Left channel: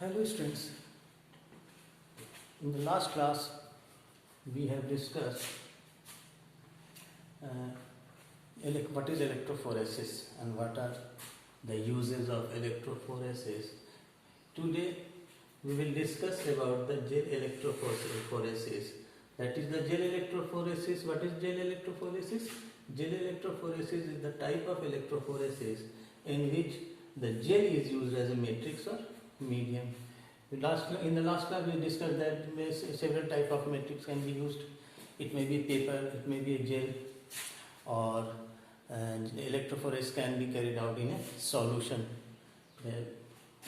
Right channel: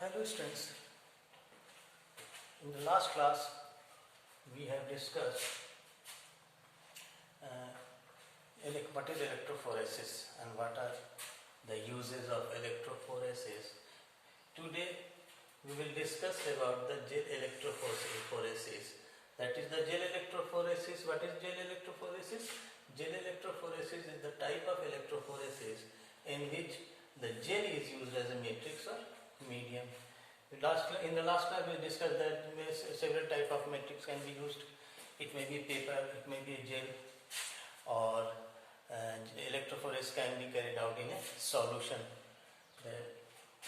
Hello students, in the last class we have discussed what is electrophoresis and what are the uses of electrophoresis. Today we will discuss about the gel electrophoresis. That is the gel electrophoresis. What is gel electrophoresis? Gel electrophoresis is the type of electrophoresis in which the gel is used as a matrix or medium. In the last class we discussed that several type of matrix can be used. It may be paper, it may be a gel, or electrophoresis can be carried out in a solution,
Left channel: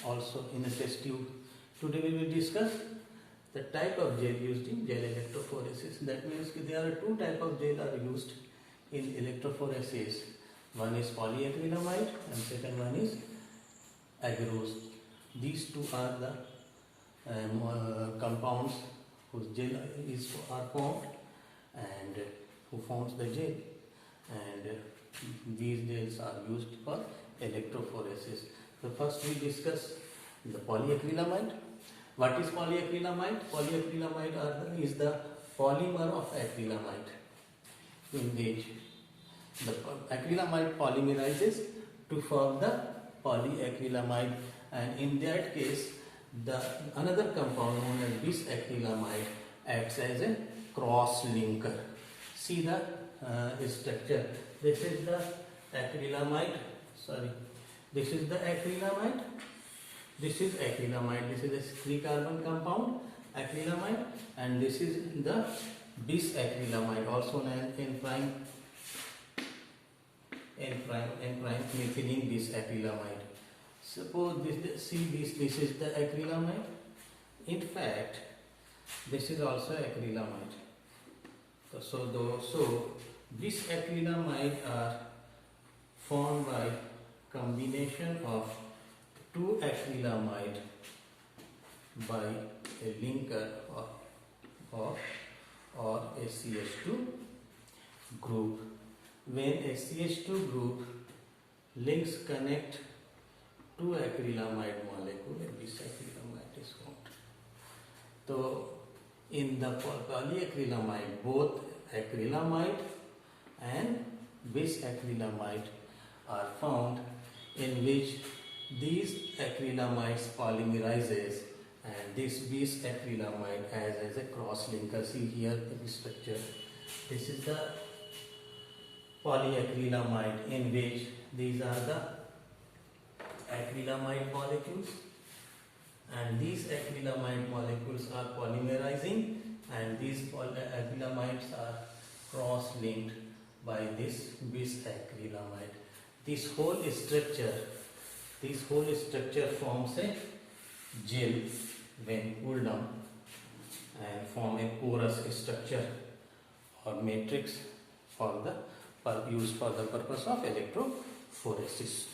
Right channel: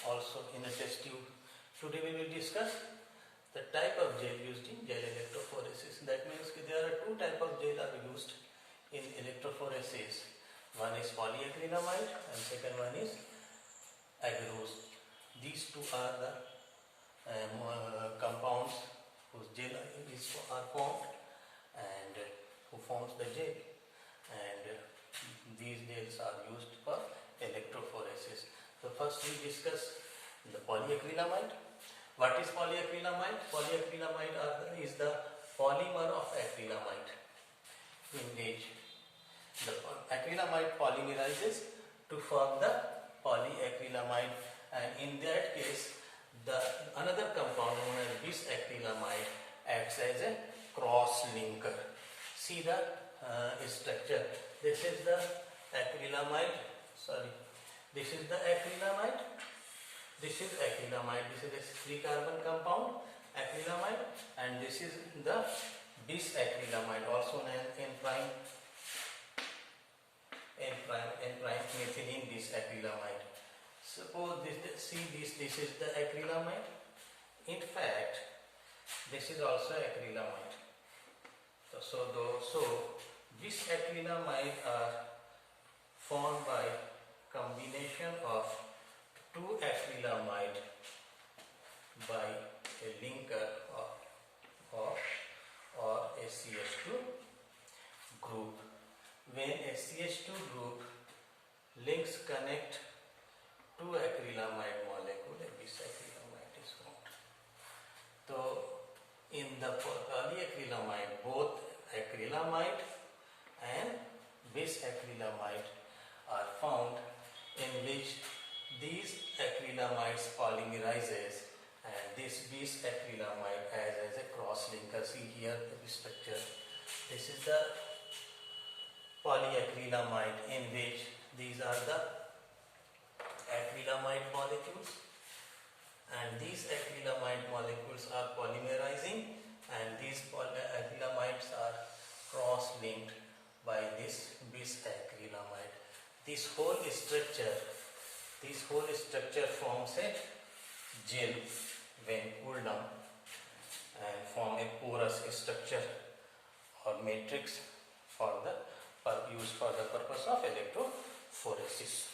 also in a test tube. Today we will discuss the type of gel used in gel electrophoresis. That means there are two type of gel are used in electrophoresis. One is polyacrylamide and second one is agarose. These two are the compounds whose gel are formed and who forms the gel, and these gels are used for electrophoresis. So first we discuss the polyacrylamide. What is polyacrylamide? Polyacrylamide is the polymer of acrylamide, in which the acrylamide polymerizes to form the polyacrylamide, and in that case the another compound known as bisacrylamide acts as a cross linker. See the structure. This is the acrylamide. This is the acrylamide. This is acrylamide. This is a 3-carbon compound acrylamide, and this is the bisacrylamide, also known N prime methylene bisacrylamide. Suppose this is the acrylamide. In fact, this is also acrylamide. So bisacrylamide are formed by combination of two acrylamide by a linker or a CH2 group. When a CH2 group links connect two acrylamide molecule, a bisacrylamide is formed. So in the polyacrylamide, both acrylamide and bisacrylamide are found, in which these acrylamides polymerizes and this bisacrylamide acts as a cross linker. See here the structure. This is the polyacrylamide, in which these are the acrylamide molecules, and these acrylamide molecules are polymerizing, and these acrylamides are cross-linked by this bisacrylamide. This whole structure forms a gel when cooled down, and form a porous structure or matrix used for the purpose of electrophoresis.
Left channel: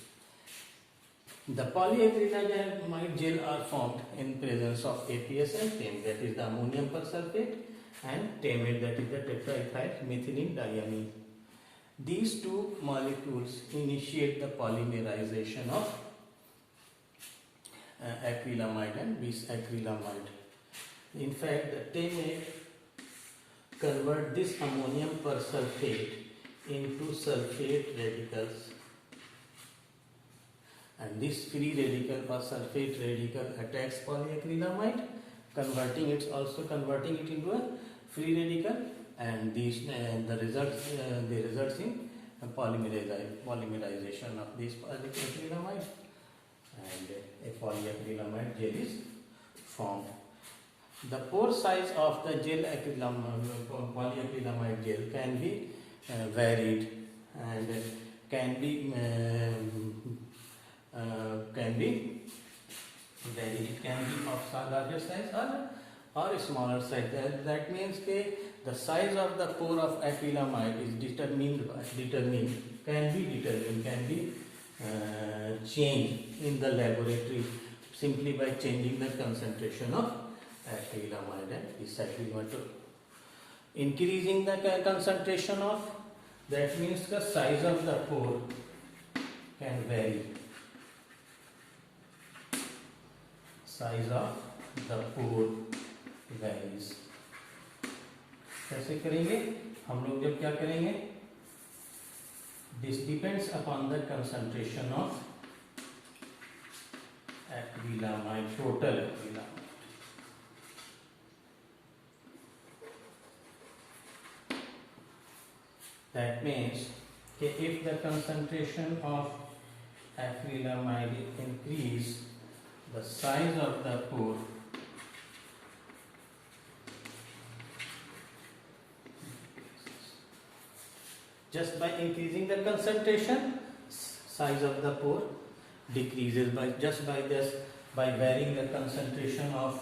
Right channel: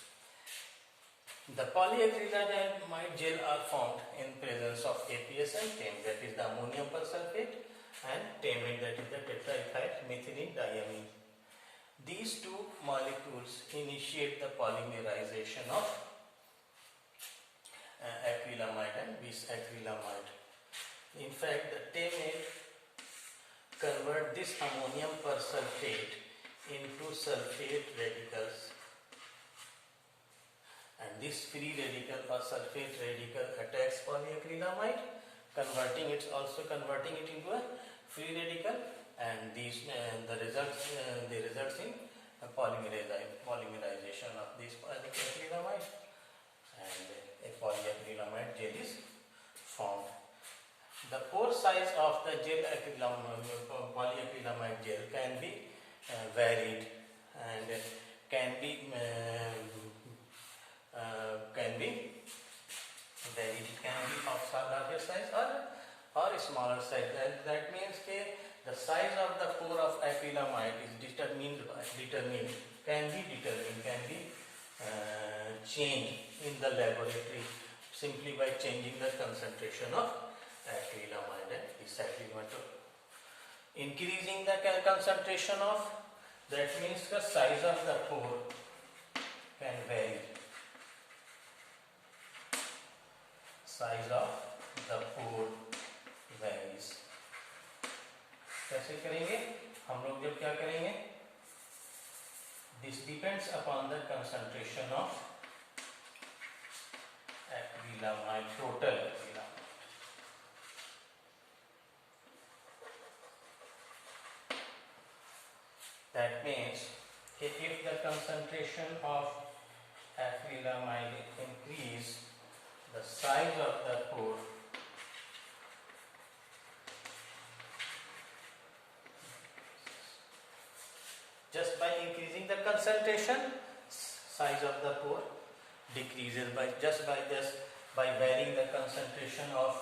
The polyacrylamide gel are formed in presence of APS and TAM, that is the ammonium persulfate, and TAMate, that is the tetraethyl methylene diamine. These two molecules initiate the polymerization of acrylamide and bisacrylamide. In fact, the TAMate convert this ammonium persulfate into sulfate radicals, and this free radical or sulfate radical attacks polyacrylamide, converting it into a free radical, and these the results in polymerization of this polyacrylamide, and a polyacrylamide gel is formed. The pore size of the gel polyacrylamide gel can be varied, and can be varied. It can be of larger size or smaller size. That means the size of the pore of acrylamide is can be changed in the laboratory simply by changing the concentration of acrylamide and bisacrylamide. Increasing the concentration of, that means the size of the pore can vary. size of the pore varies. कैसे करेंगे हम लोग? जब क्या करेंगे, this depends upon the concentration of acrylamide, total acrylamide. That means if the concentration of acrylamide increase, the size of the pore just by increasing the concentration, size of the pore decreases by varying the concentration of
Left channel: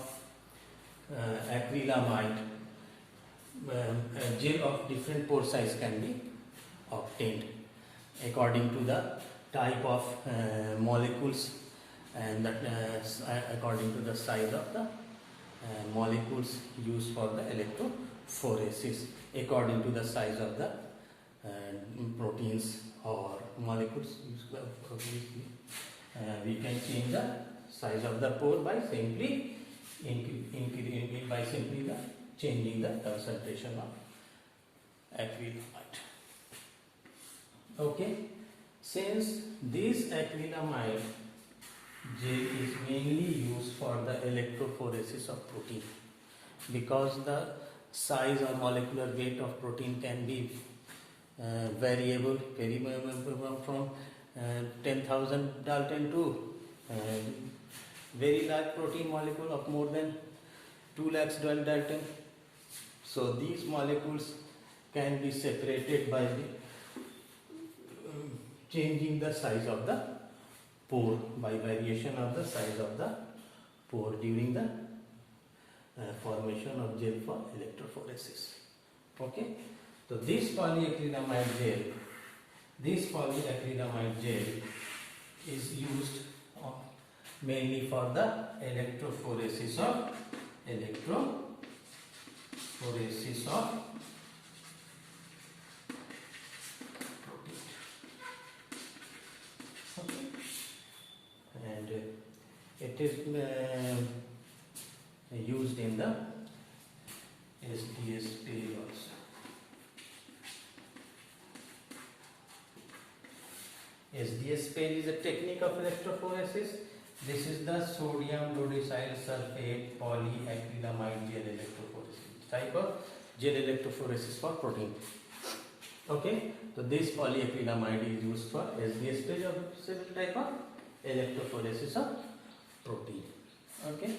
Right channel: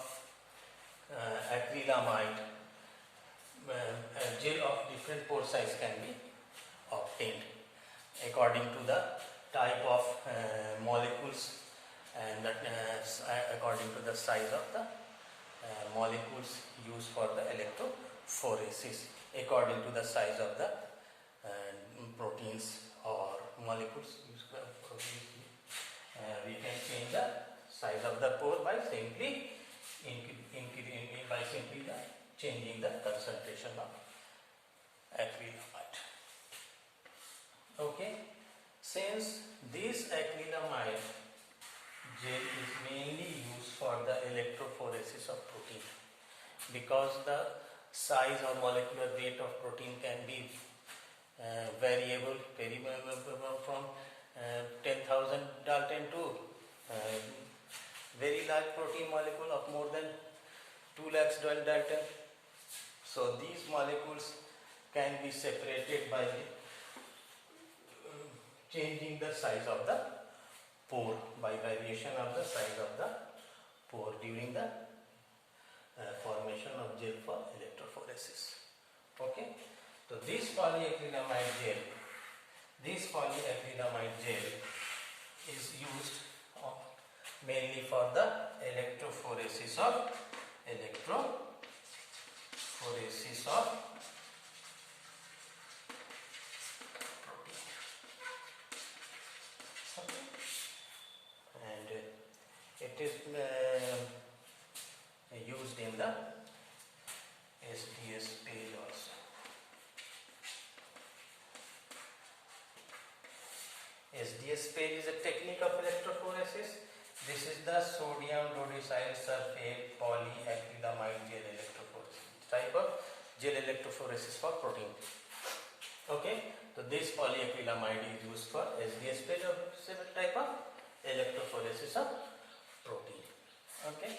acrylamide. Gel of different pore size can be obtained according to the type of molecules and according to the size of the molecules used for the electrophoresis, according to the size of the proteins or molecules used for we can change the size of the pore by simply changing the concentration of acrylamide. Okay, since this acrylamide gel is mainly used for the electrophoresis of protein, because the size or molecular weight of protein can be variable, from 10,000 Dalton to very large protein molecule of more than 2 lakhs Dalton. So these molecules can be separated by changing the size of the pore, by variation of the size of the pore during the formation of gel for electrophoresis. Okay, so this polyacrylamide gel is used mainly for the electrophoresis of protein. Okay. And it is used in the SDS page also. SDS page is a technique of electrophoresis. This is the sodium dodecyl sulfate polyacrylamide gel electrophoresis, type of gel electrophoresis for protein. Okay, so this polyacrylamide is used for SDS page of several type of electrophoresis of protein. Okay,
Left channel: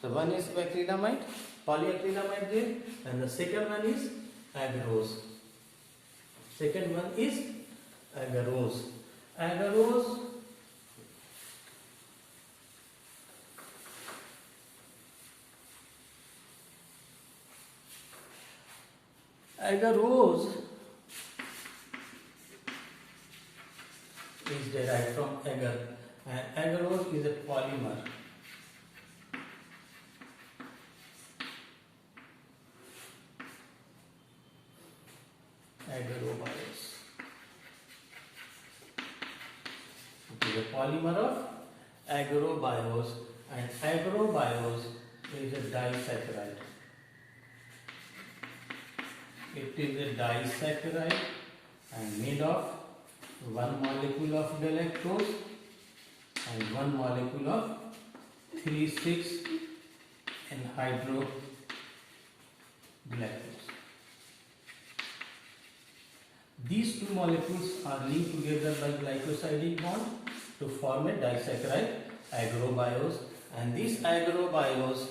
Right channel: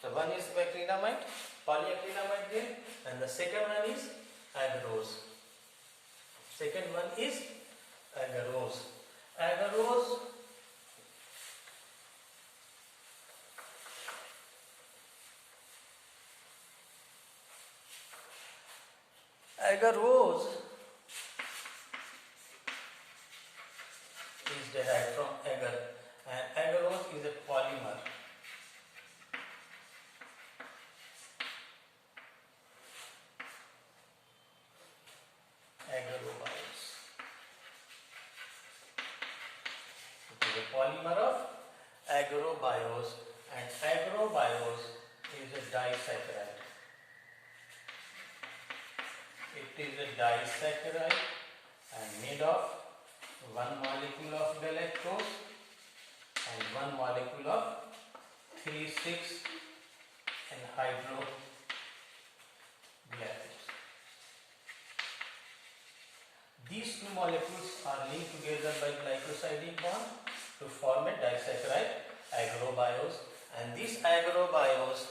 so one is polyacrylamide gel, and the second one is agarose. Second one is agarose. Agarose is derived from agar, and agarose is a polymer. Agarobiosis. It is a polymer of agarobiosis, and agarobiosis is a disaccharide. It is a disaccharide and made of one molecule of galactose and one molecule of 3,6 anhydrous galactose. These two molecules are linked together by glycosidic bond to form a disaccharide agarobiosis, and this agarobiosis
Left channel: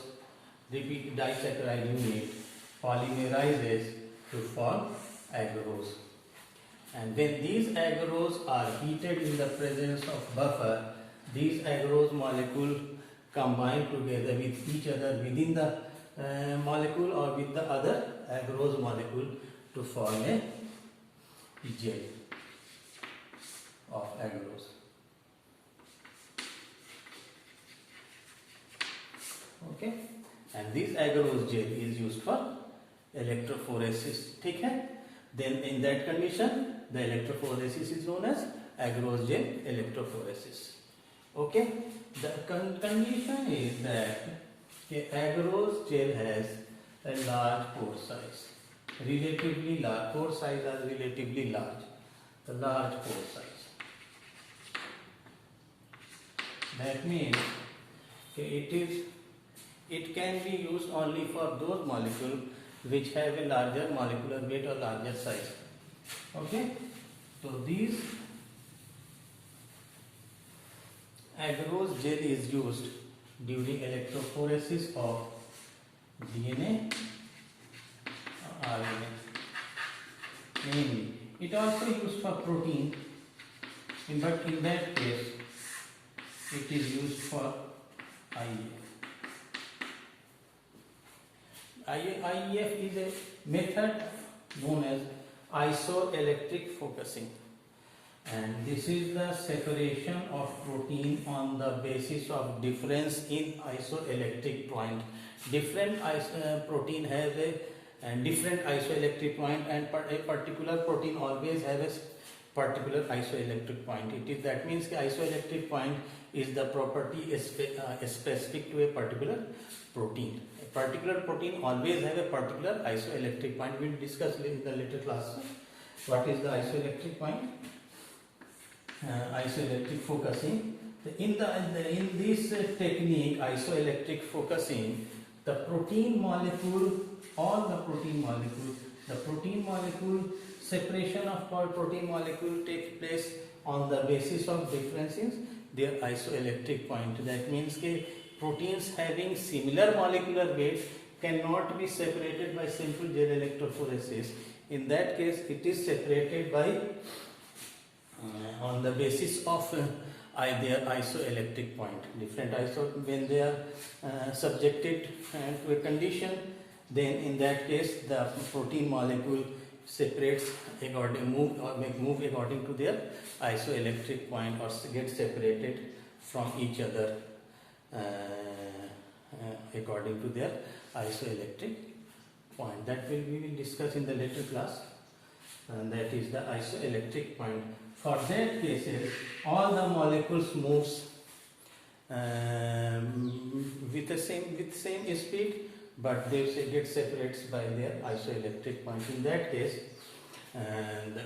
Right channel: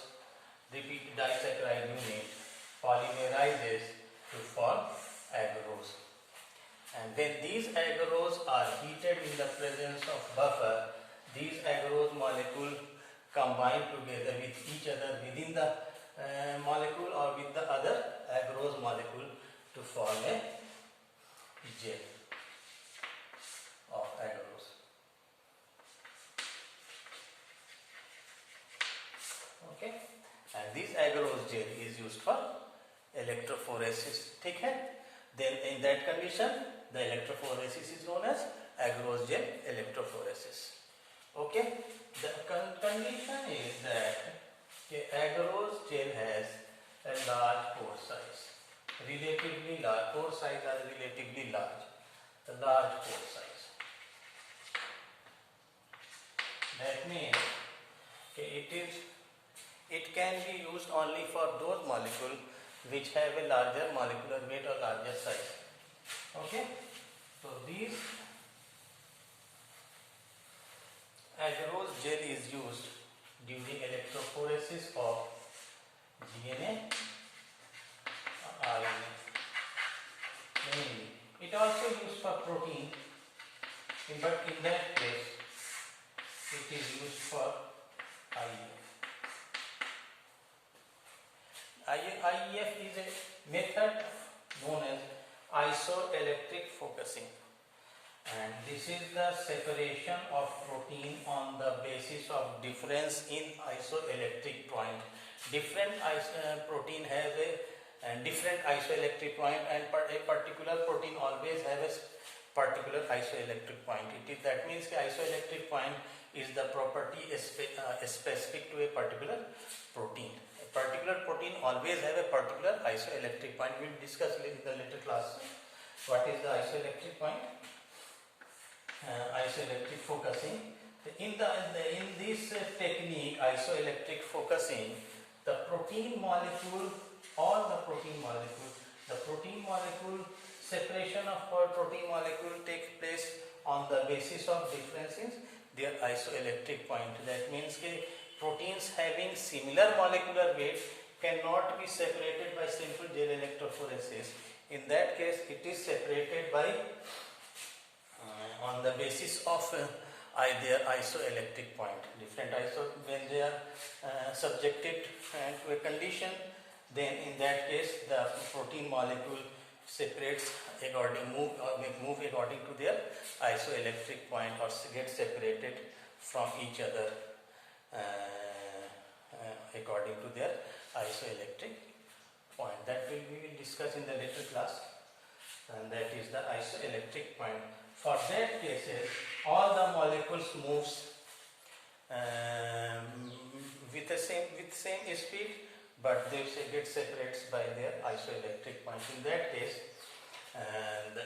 disaccharide unit polymerizes to form agarose. And when these agarose are heated in the presence of buffer, these agarose molecules combine together with each other within the molecule or with the other agarose molecule to form a gel of agarose. Okay, and this agarose gel is used for electrophoresis. ठीक है? Then in that condition, the electrophoresis is known as agarose gel electrophoresis. Okay, the condition is that the agarose gel has a large pore size, relatively large. Pore size are relatively large. The large pore size. That means it can be used only for those molecules which have a larger molecular weight or larger size. Okay, so these agarose gel is used during electrophoresis of DNA, RNA. Mainly, it also used for protein, but in that case, it is used for IEF. IEF is a method known as isoelectric focusing, and this is the separation of protein on the basis of difference in isoelectric point. Different protein have a different isoelectric point, and a particular protein always have a particular isoelectric point. That means the isoelectric point is the property specific to a particular protein. A particular protein always have a particular isoelectric point. We will discuss in the later class what is the isoelectric point. Isoelectric focusing. In this technique, isoelectric focusing, the protein molecule, the protein molecule separation of protein molecule takes place on the basis of difference in their isoelectric point. That means that proteins having similar molecular weight cannot be separated by simple gel electrophoresis. In that case, it is separated by on the basis of their isoelectric point. When they are subjected to a condition, then in that case the protein molecule separates move according to their isoelectric point, or get separated from each other according to their isoelectric point. That we will discuss in the later class, and that is the isoelectric point. For that cases, all the molecules moves with same speed, but they get separated by their isoelectric point. In that case, the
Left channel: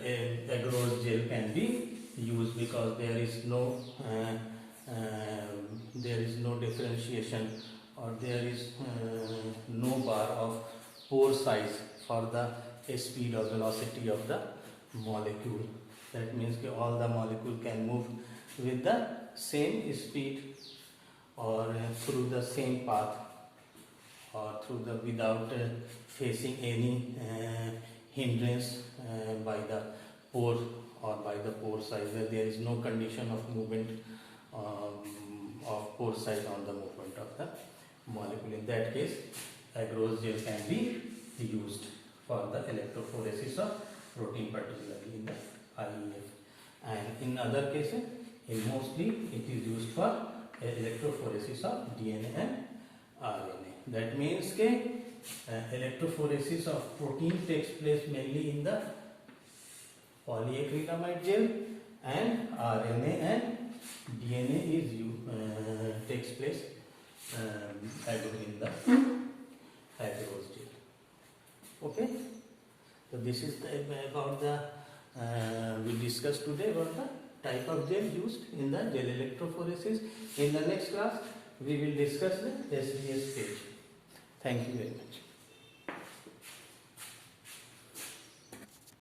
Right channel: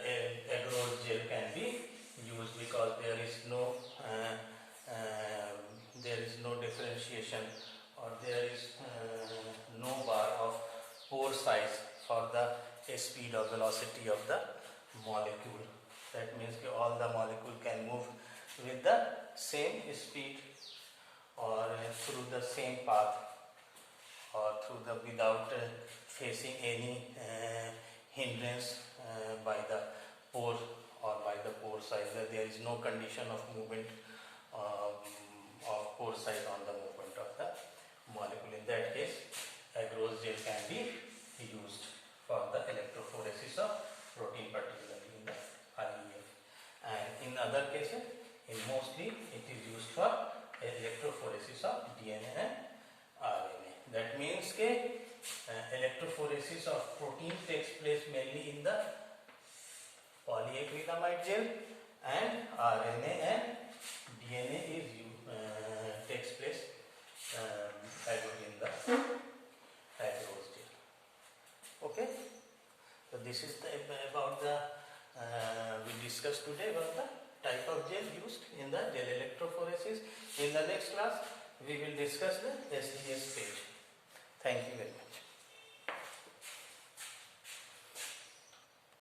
agarose gel can be used, because there is no differentiation, or there is no bar of pore size for the speed or velocity of the molecule. That means that all the molecule can move with the same speed, or through the same path, or without facing any hindrance by the pore or by the pore size. There is no condition of movement of pore size on the movement of the molecule. In that case, agarose gel can be used for the electrophoresis of protein, particularly in the IEF. And in other cases, mostly it is used for electrophoresis of DNA and RNA. That means that electrophoresis of protein takes place mainly in the polyacrylamide gel, and RNA and DNA takes place in the agarose gel. Okay, so this is about the we discussed today about the type of gel used in the gel electrophoresis. In the next class, we will discuss the SDS stage. Thank you very much.